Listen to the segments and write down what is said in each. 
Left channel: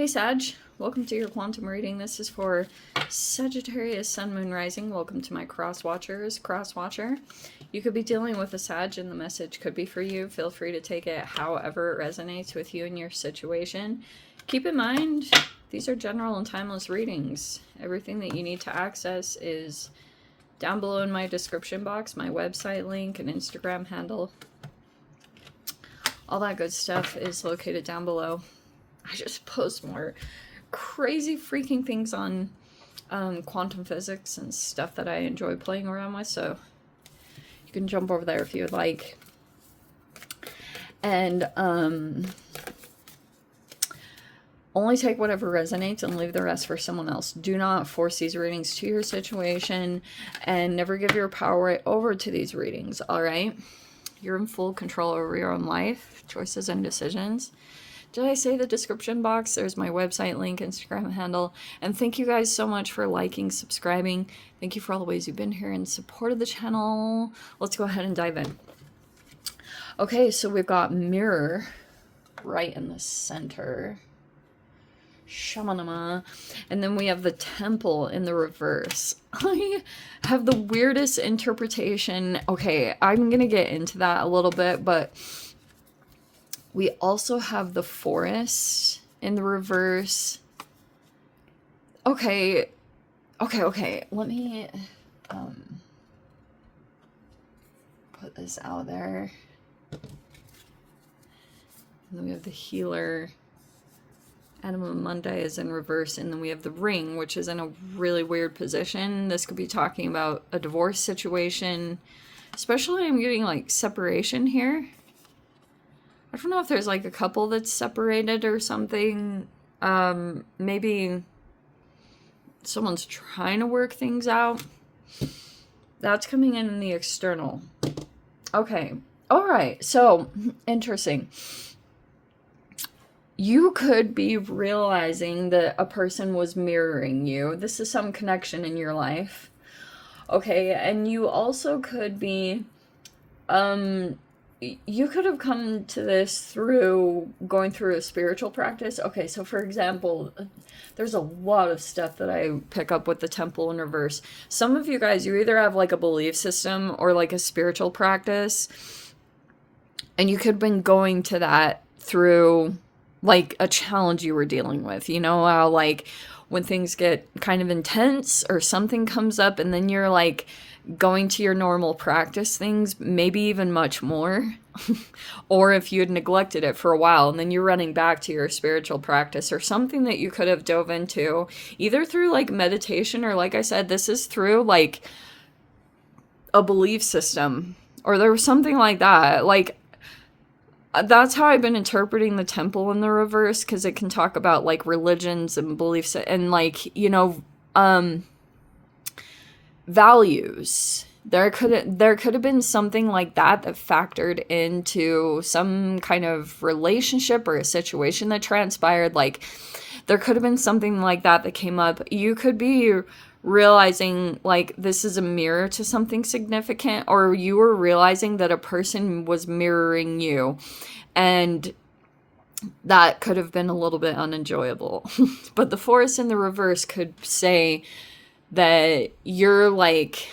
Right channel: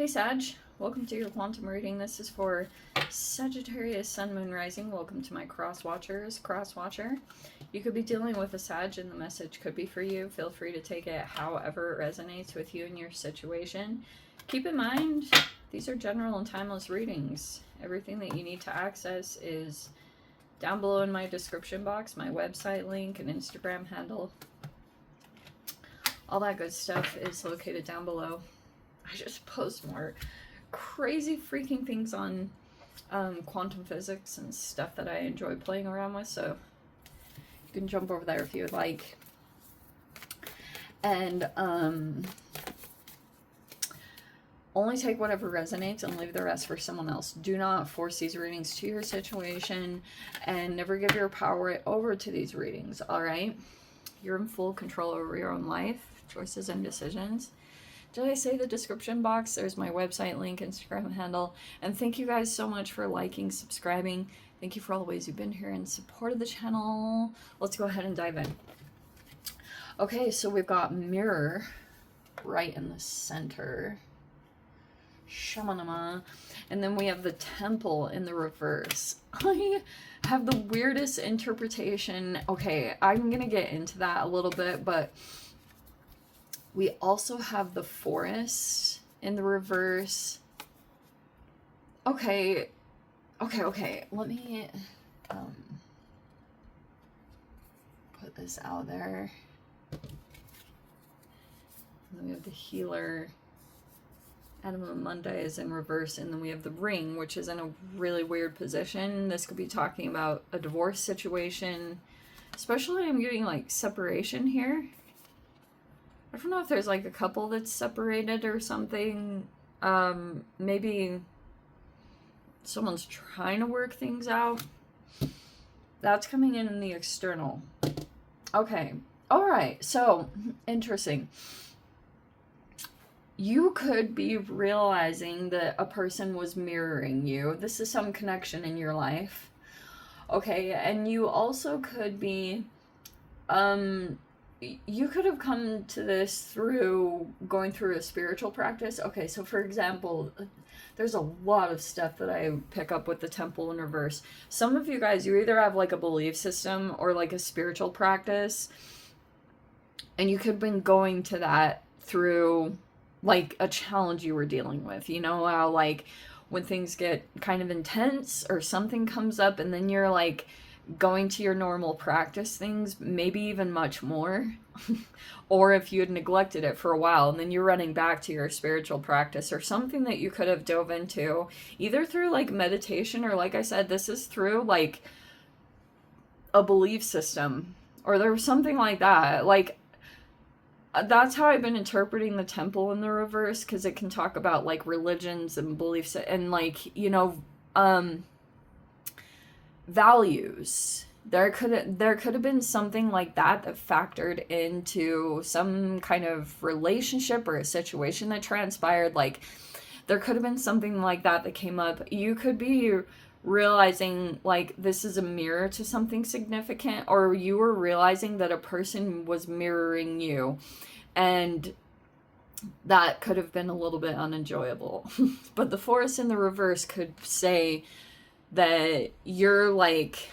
Hey Sag, welcome to your quantum reading. This is for Sagittarius, Sun, Moon, Rising. Welcome to my cross-watcher. You could be dealing with a Sag and the message could be for you. Feel free to take it however it resonates with you and your situation. Keep in mind, these are general and timeless readings. Everything that you need to access is down below in my description box, my website link, and Instagram handle. All that good stuff is located down below. I just post more crazy freaking things on quantum physics and stuff that I enjoy playing around with, so you can jump over there if you would like. And only take whatever resonates and leave the rest for someone else. Do not force these readings to your situation, and never give your power right over to these readings, all right? You're in full control over your own life, choices, and decisions. Did I say the description box? There's my website link, Instagram handle. And thank you guys so much for liking, subscribing. Thank you for all the ways you've been here and supported the channel. Let's go ahead and dive in. Okay, so we've got Mirror right in the center. Shoman. And then we have the Temple in the reverse. I have the weirdest interpretation. Okay, I'm going to get into that a little bit, but we also have the Forest in the reverse. Okay. Let me put this out there. And then we have the Healer. Anima Mundi is in reverse. And then we have the Ring, which is in a really weird position. This could be talking about a divorce situation. Especially I'm getting like separation here. I don't know if there's like a couple that's separated or something. Maybe someone's trying to work things out. That's coming in the external. Okay. All right. So, interesting. You could be realizing that a person was mirroring you. This is some connection in your life. Okay. And you also could be, you could have come to this through going through a spiritual practice. Okay, so for example, there's a lot of stuff that I pick up with the Temple in reverse. Some of you guys, you either have like a belief system or like a spiritual practice. And you could have been going to that through like a challenge you were dealing with. You know, like when things get kind of intense or something comes up and then you're like going to your normal practice things, maybe even much more. Or if you had neglected it for a while and then you're running back to your spiritual practice or something that you could have dove into either through like meditation or, like I said, this is through like a belief system or there was something like that. Like that's how I've been interpreting the Temple in the reverse, because it can talk about like religions and beliefs and like, you know, values. There could have been something like that factored into some kind of relationship or a situation that transpired. Like there could have been something like that came up. You could be realizing like this is a mirror to something significant, or you were realizing that a person was mirroring you, and that could have been a little bit unenjoyable. But the Forest in the reverse could say that you're like,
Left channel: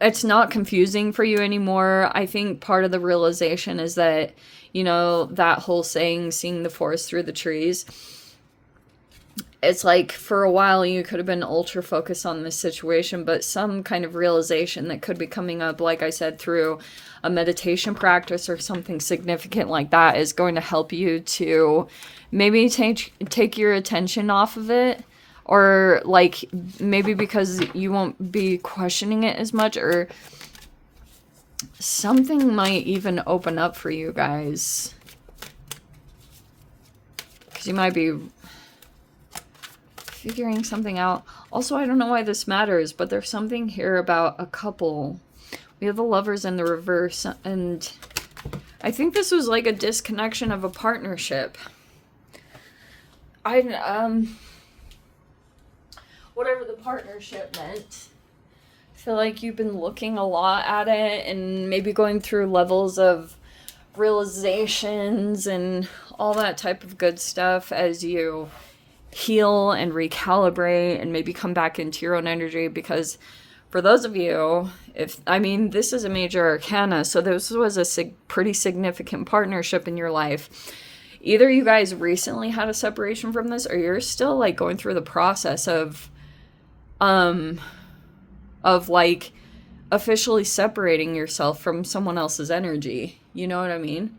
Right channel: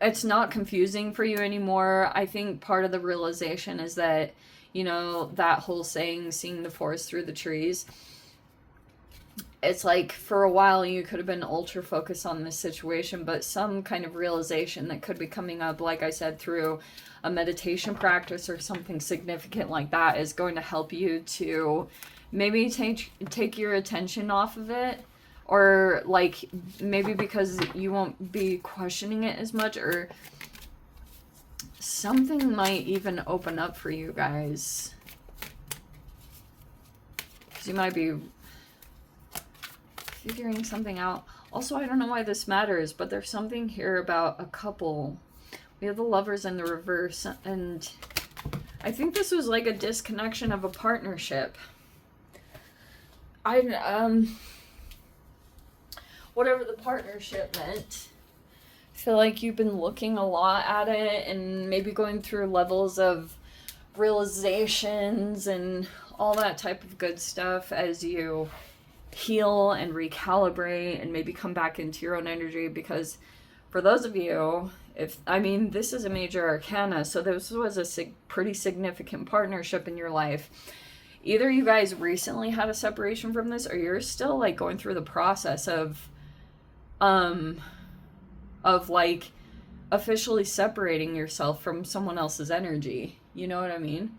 it's not confusing for you anymore. I think part of the realization is that, you know, that whole saying, seeing the forest through the trees, it's like for a while you could have been ultra focused on this situation, but some kind of realization that could be coming up, like I said, through a meditation practice or something significant like that is going to help you to maybe take your attention off of it. Or like maybe because you won't be questioning it as much, or something might even open up for you guys. Because you might be figuring something out. Also, I don't know why this matters, but there's something here about a couple. We have the Lovers in the reverse, and I think this was like a disconnection of a partnership. Whatever the partnership meant. I feel like you've been looking a lot at it and maybe going through levels of realizations and all that type of good stuff as you heal and recalibrate and maybe come back into your own energy. Because for those of you, this is a major arcana, so this was a pretty significant partnership in your life. Either you guys recently had a separation from this, or you're still like going through the process of like officially separating yourself from someone else's energy. You know what I mean?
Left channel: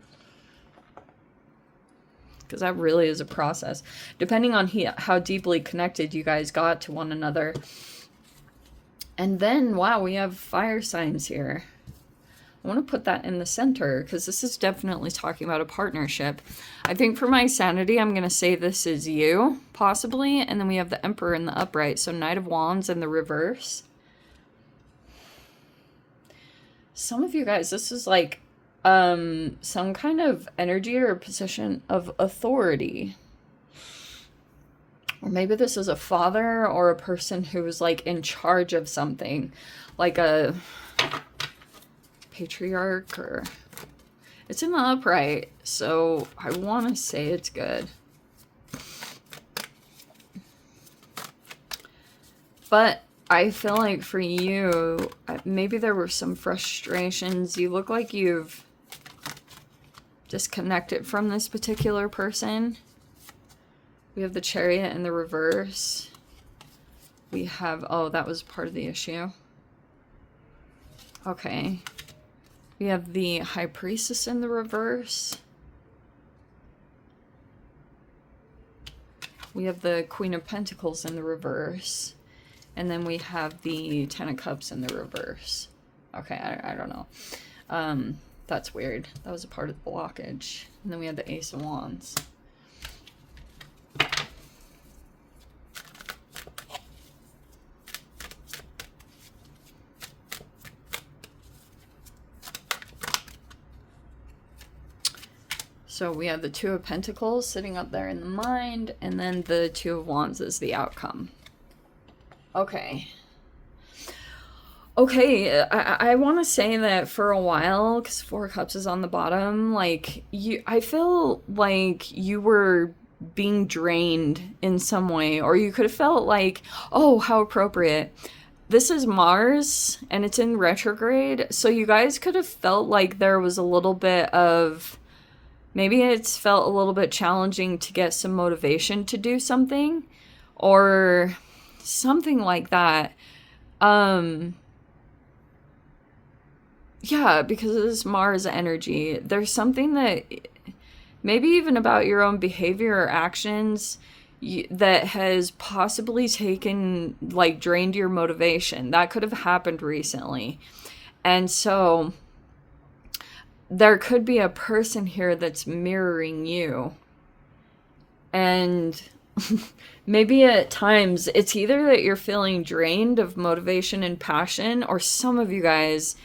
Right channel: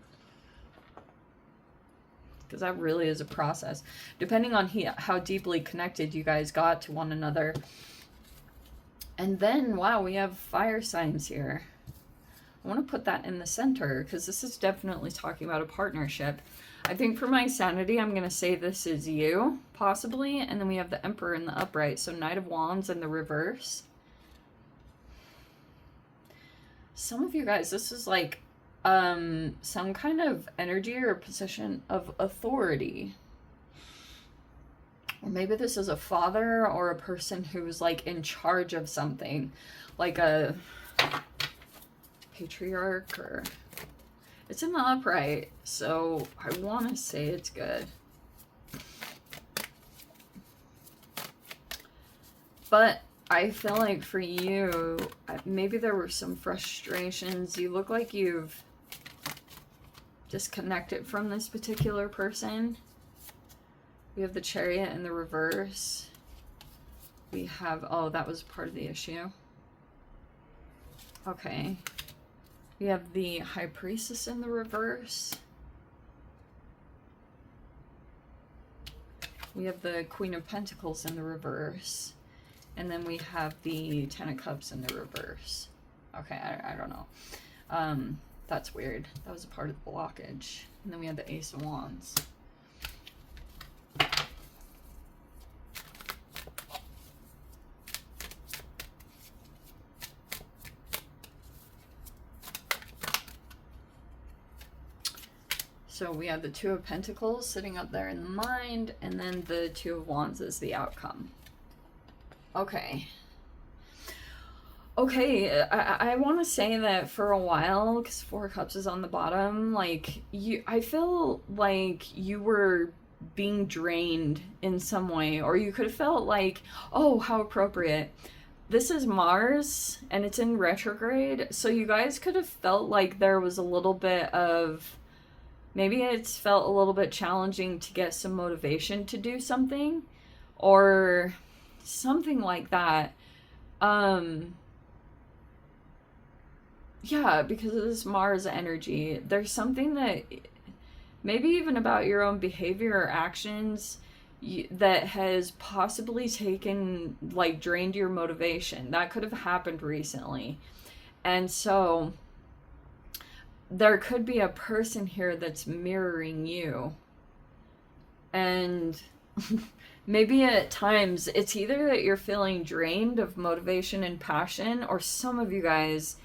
Because that really is a process, depending on how deeply connected you guys got to one another. And then, wow, we have fire signs here. I want to put that in the center because this is definitely talking about a partnership. I think for my sanity, I'm going to say this is you, possibly. And then we have the Emperor in the upright. So Knight of Wands in the reverse. Some of you guys, this is like some kind of energy or position of authority. Or maybe this is a father or a person who's like in charge of something. Like a patriarch, or it's in the upright, so I want to say it's good. But I feel like for you, maybe there were some frustrations. You look like you've disconnected from this particular person. We have the Chariot in the reverse. We have, oh, that was part of the issue. Okay. We have the High Priestess in the reverse. We have the Queen of Pentacles in the reverse. And then we have the Ten of Cups in the reverse. Okay, I don't know. That's weird. That was a part of the blockage. And then we have the Ace of Wands. So we have the Two of Pentacles sitting up there in the mind, and then the Two of Wands is the outcome. Okay. Okay, I want to say that for a while, because Four of Cups is on the bottom, like, I feel like you were being drained in some way, or you could have felt like, oh, how appropriate. This is Mars, and it's in retrograde, so you guys could have felt like there was a little bit of... Maybe it's felt a little bit challenging to get some motivation to do something, or something like that. Yeah, because of this Mars energy, there's something that maybe even about your own behavior or actions that has possibly taken, like, drained your motivation. That could have happened recently. And so there could be a person here that's mirroring you. And maybe at times it's either that you're feeling drained of motivation and passion, or some of you guys,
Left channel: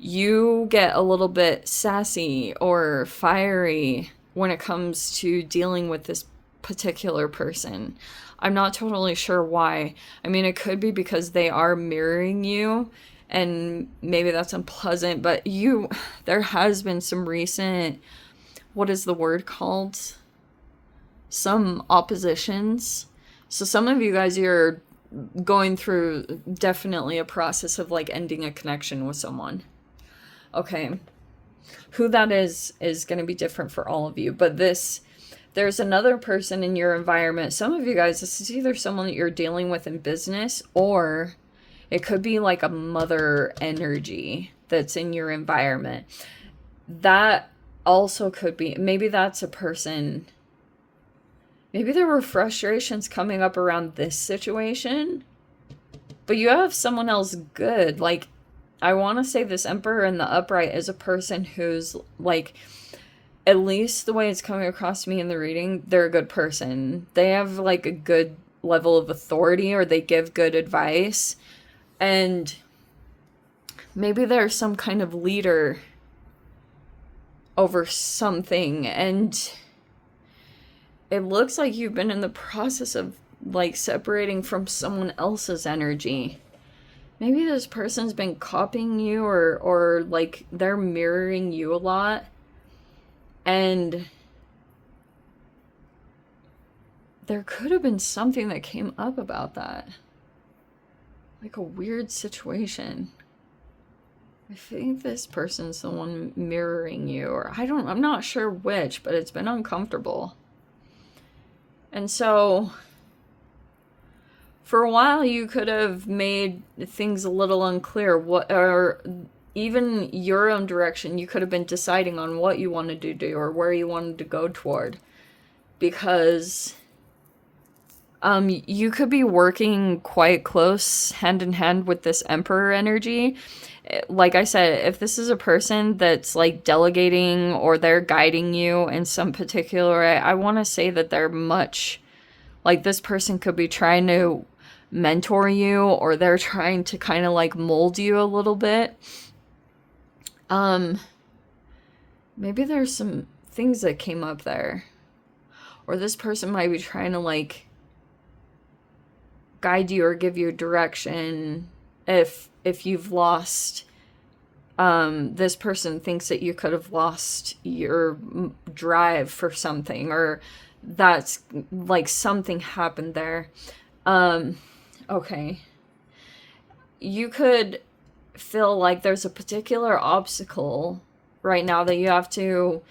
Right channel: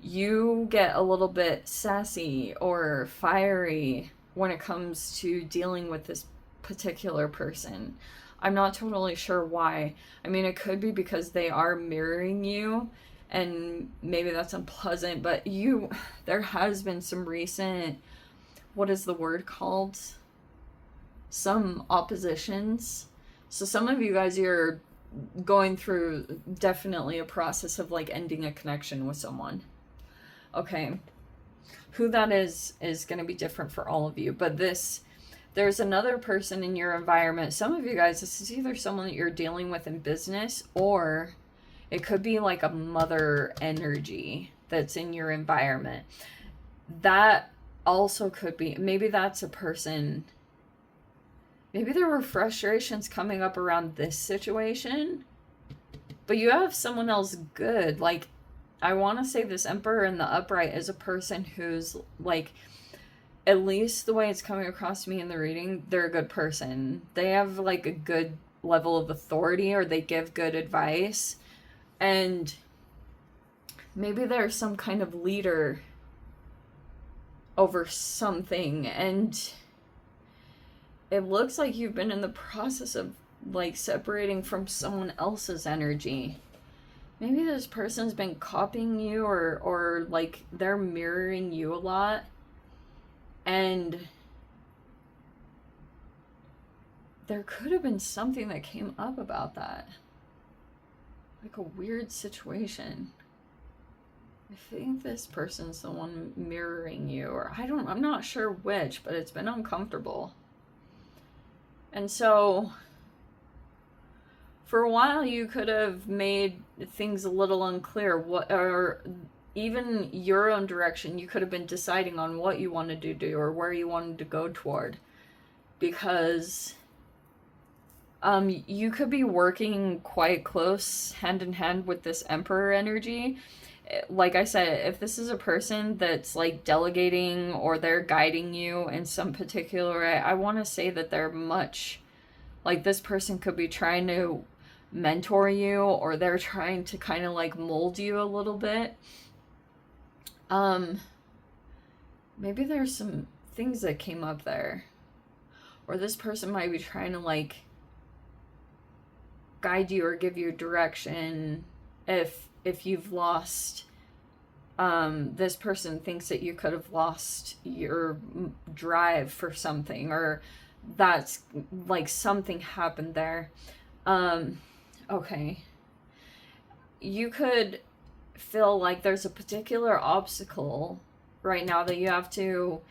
you get a little bit sassy or fiery when it comes to dealing with this particular person. I'm not totally sure why. I mean, it could be because they are mirroring you, and maybe that's unpleasant, but there has been some recent, what is the word called? Some oppositions. So some of you guys, you're going through definitely a process of like ending a connection with someone. Okay. Who that is going to be different for all of you, but there's another person in your environment. Some of you guys, this is either someone that you're dealing with in business, or it could be like a mother energy that's in your environment. That also could be, maybe that's a person, maybe there were frustrations coming up around this situation, but you have someone else good. Like, I want to say this Emperor in the upright is a person who's like, at least the way it's coming across to me in the reading, they're a good person. They have like a good level of authority, or they give good advice. And maybe they're some kind of leader over something. And it looks like you've been in the process of like separating from someone else's energy. Maybe this person's been copying you, or like they're mirroring you a lot. And there could have been something that came up about that. Like a weird situation. I think this person's the one mirroring you, or I'm not sure which, but it's been uncomfortable. And so for a while you could have made things a little unclear, or even your own direction. You could have been deciding on what you wanted to do or where you wanted to go toward, because you could be working quite close hand in hand with this Emperor energy. Like I said, if this is a person that's like delegating or they're guiding you in some particular way, I want to say that they're much like, this person could be trying to mentor you, or they're trying to kind of like mold you a little bit. Maybe there's some things that came up there, or this person might be trying to like guide you or give you direction. If you've lost, this person thinks that you could have lost your drive for something, or that's like something happened there. Okay. You could feel like there's a particular obstacle right now that you have to,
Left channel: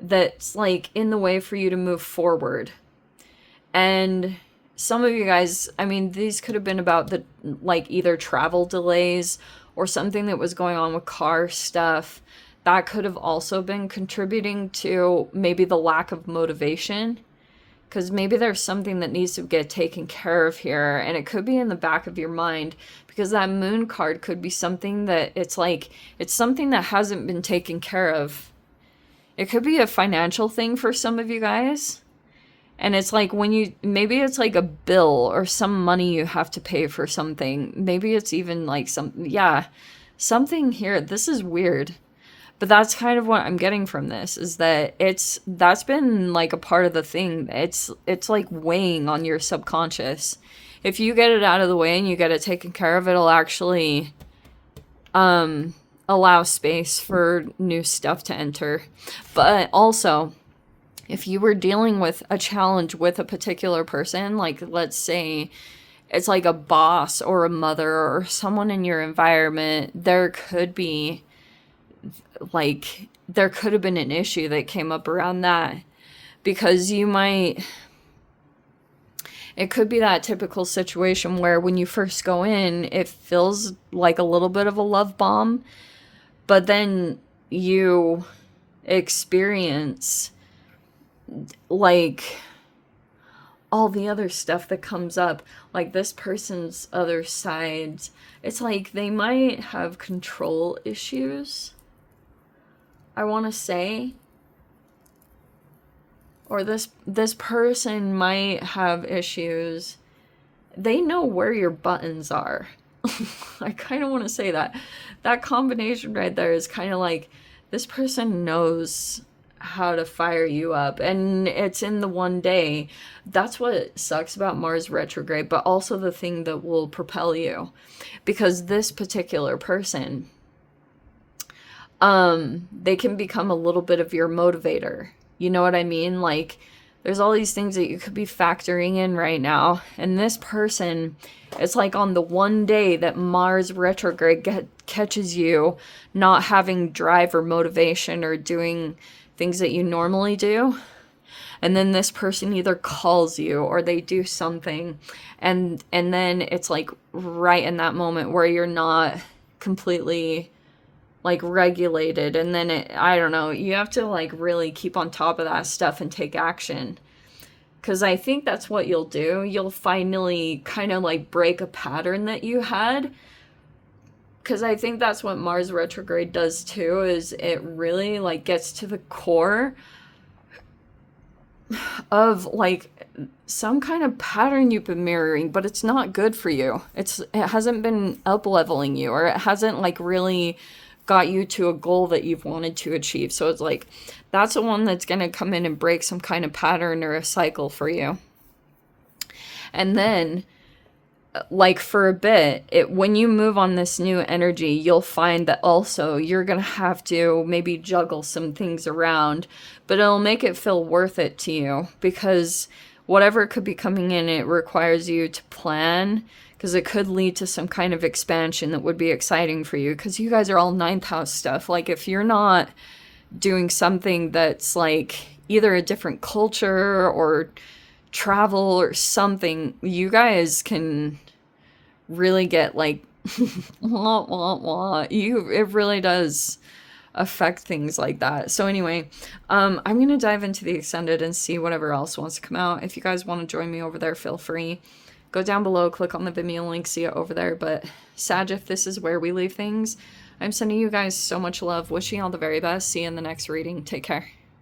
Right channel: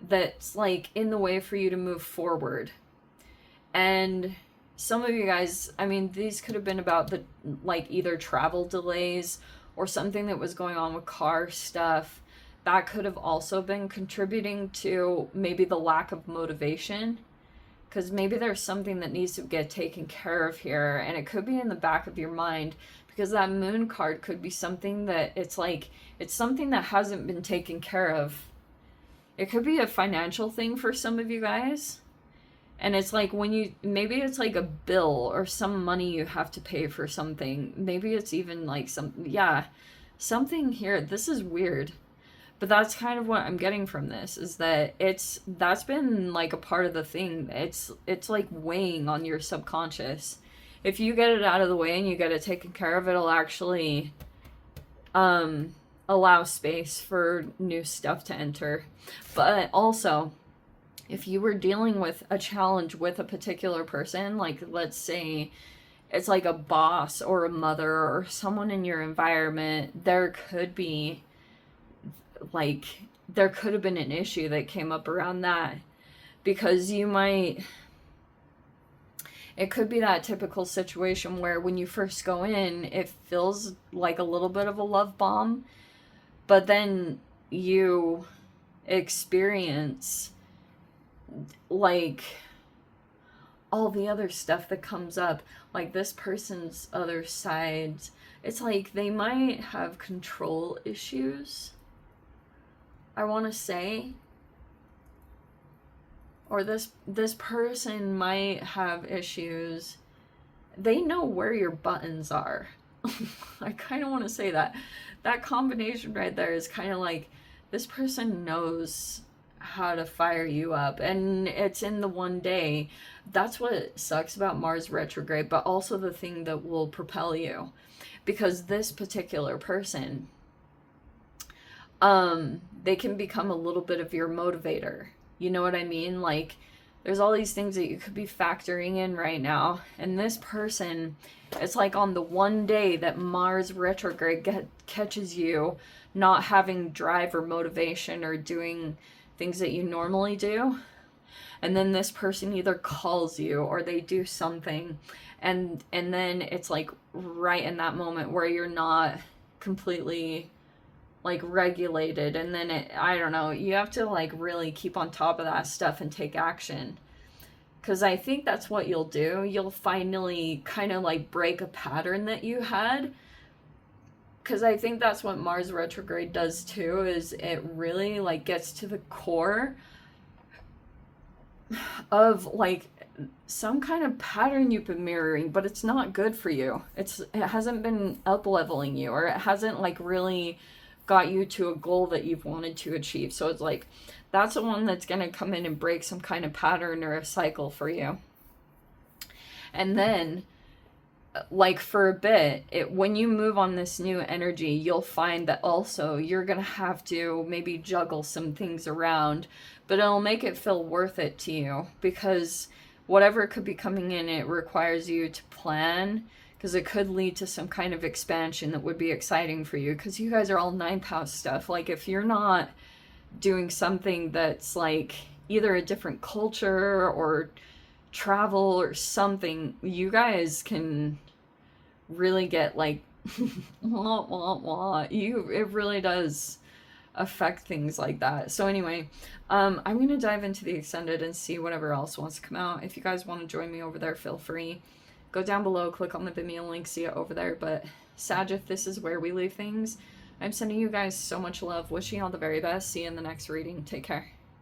that's like in the way for you to move forward. And some of you guys, I mean, these could have been about the, like, either travel delays or something that was going on with car stuff. That could have also been contributing to maybe the lack of motivation, because maybe there's something that needs to get taken care of here, and it could be in the back of your mind, because that moon card could be something that it's like, it's something that hasn't been taken care of. It could be a financial thing for some of you guys. And it's like when you, maybe it's like a bill or some money you have to pay for something. Maybe it's even like something here. This is weird. But that's kind of what I'm getting from this, is that that's been like a part of the thing. It's like weighing on your subconscious. If you get it out of the way and you get it taken care of, it'll actually allow space for new stuff to enter. But also, if you were dealing with a challenge with a particular person, like let's say it's like a boss or a mother or someone in your environment, there could have been an issue that came up around that, because it could be that typical situation where when you first go in, it feels like a little bit of a love bomb, but then you experience like all the other stuff that comes up, like this person's other sides. It's like they might have control issues, I want to say, or this person might have issues. They know where your buttons are. I kind of want to say that combination right there is kind of like, this person knows how to fire you up, and it's in the one day. That's what sucks about Mars retrograde, but also the thing that will propel you, because this particular person, they can become a little bit of your motivator. You know what I mean? Like, there's all these things that you could be factoring in right now, and this person, it's like on the one day that Mars retrograde catches you not having drive or motivation or doing things that you normally do, and then this person either calls you or they do something, and then it's like right in that moment where you're not completely like regulated, and then I don't know, you have to like really keep on top of that stuff and take action, because I think that's what you'll do. You'll finally kind of like break a pattern that you had, because I think that's what Mars retrograde does too, is it really like gets to the core of like some kind of pattern you've been mirroring, but it's not good for you. It hasn't been up leveling you, or it hasn't like really got you to a goal that you've wanted to achieve. So it's like, that's the one that's going to come in and break some kind of pattern or a cycle for you. And then like for a bit, when you move on this new energy, you'll find that also you're going to have to maybe juggle some things around, but it'll make it feel worth it to you, because whatever could be coming in, it requires you to plan, because it could lead to some kind of expansion that would be exciting for you, because you guys are all ninth house stuff. Like, if you're not doing something that's like either a different culture or travel or something, you guys can really get like wah, wah, wah. It really does affect things like that. So anyway, I'm gonna dive into the extended and see whatever else wants to come out. If you guys want to join me over there, feel free. Go down below, click on the Vimeo link, see it over there. But Sag, if this is where we leave things, I'm sending you guys so much love, wishing you all the very best. See you in the next reading. Take care.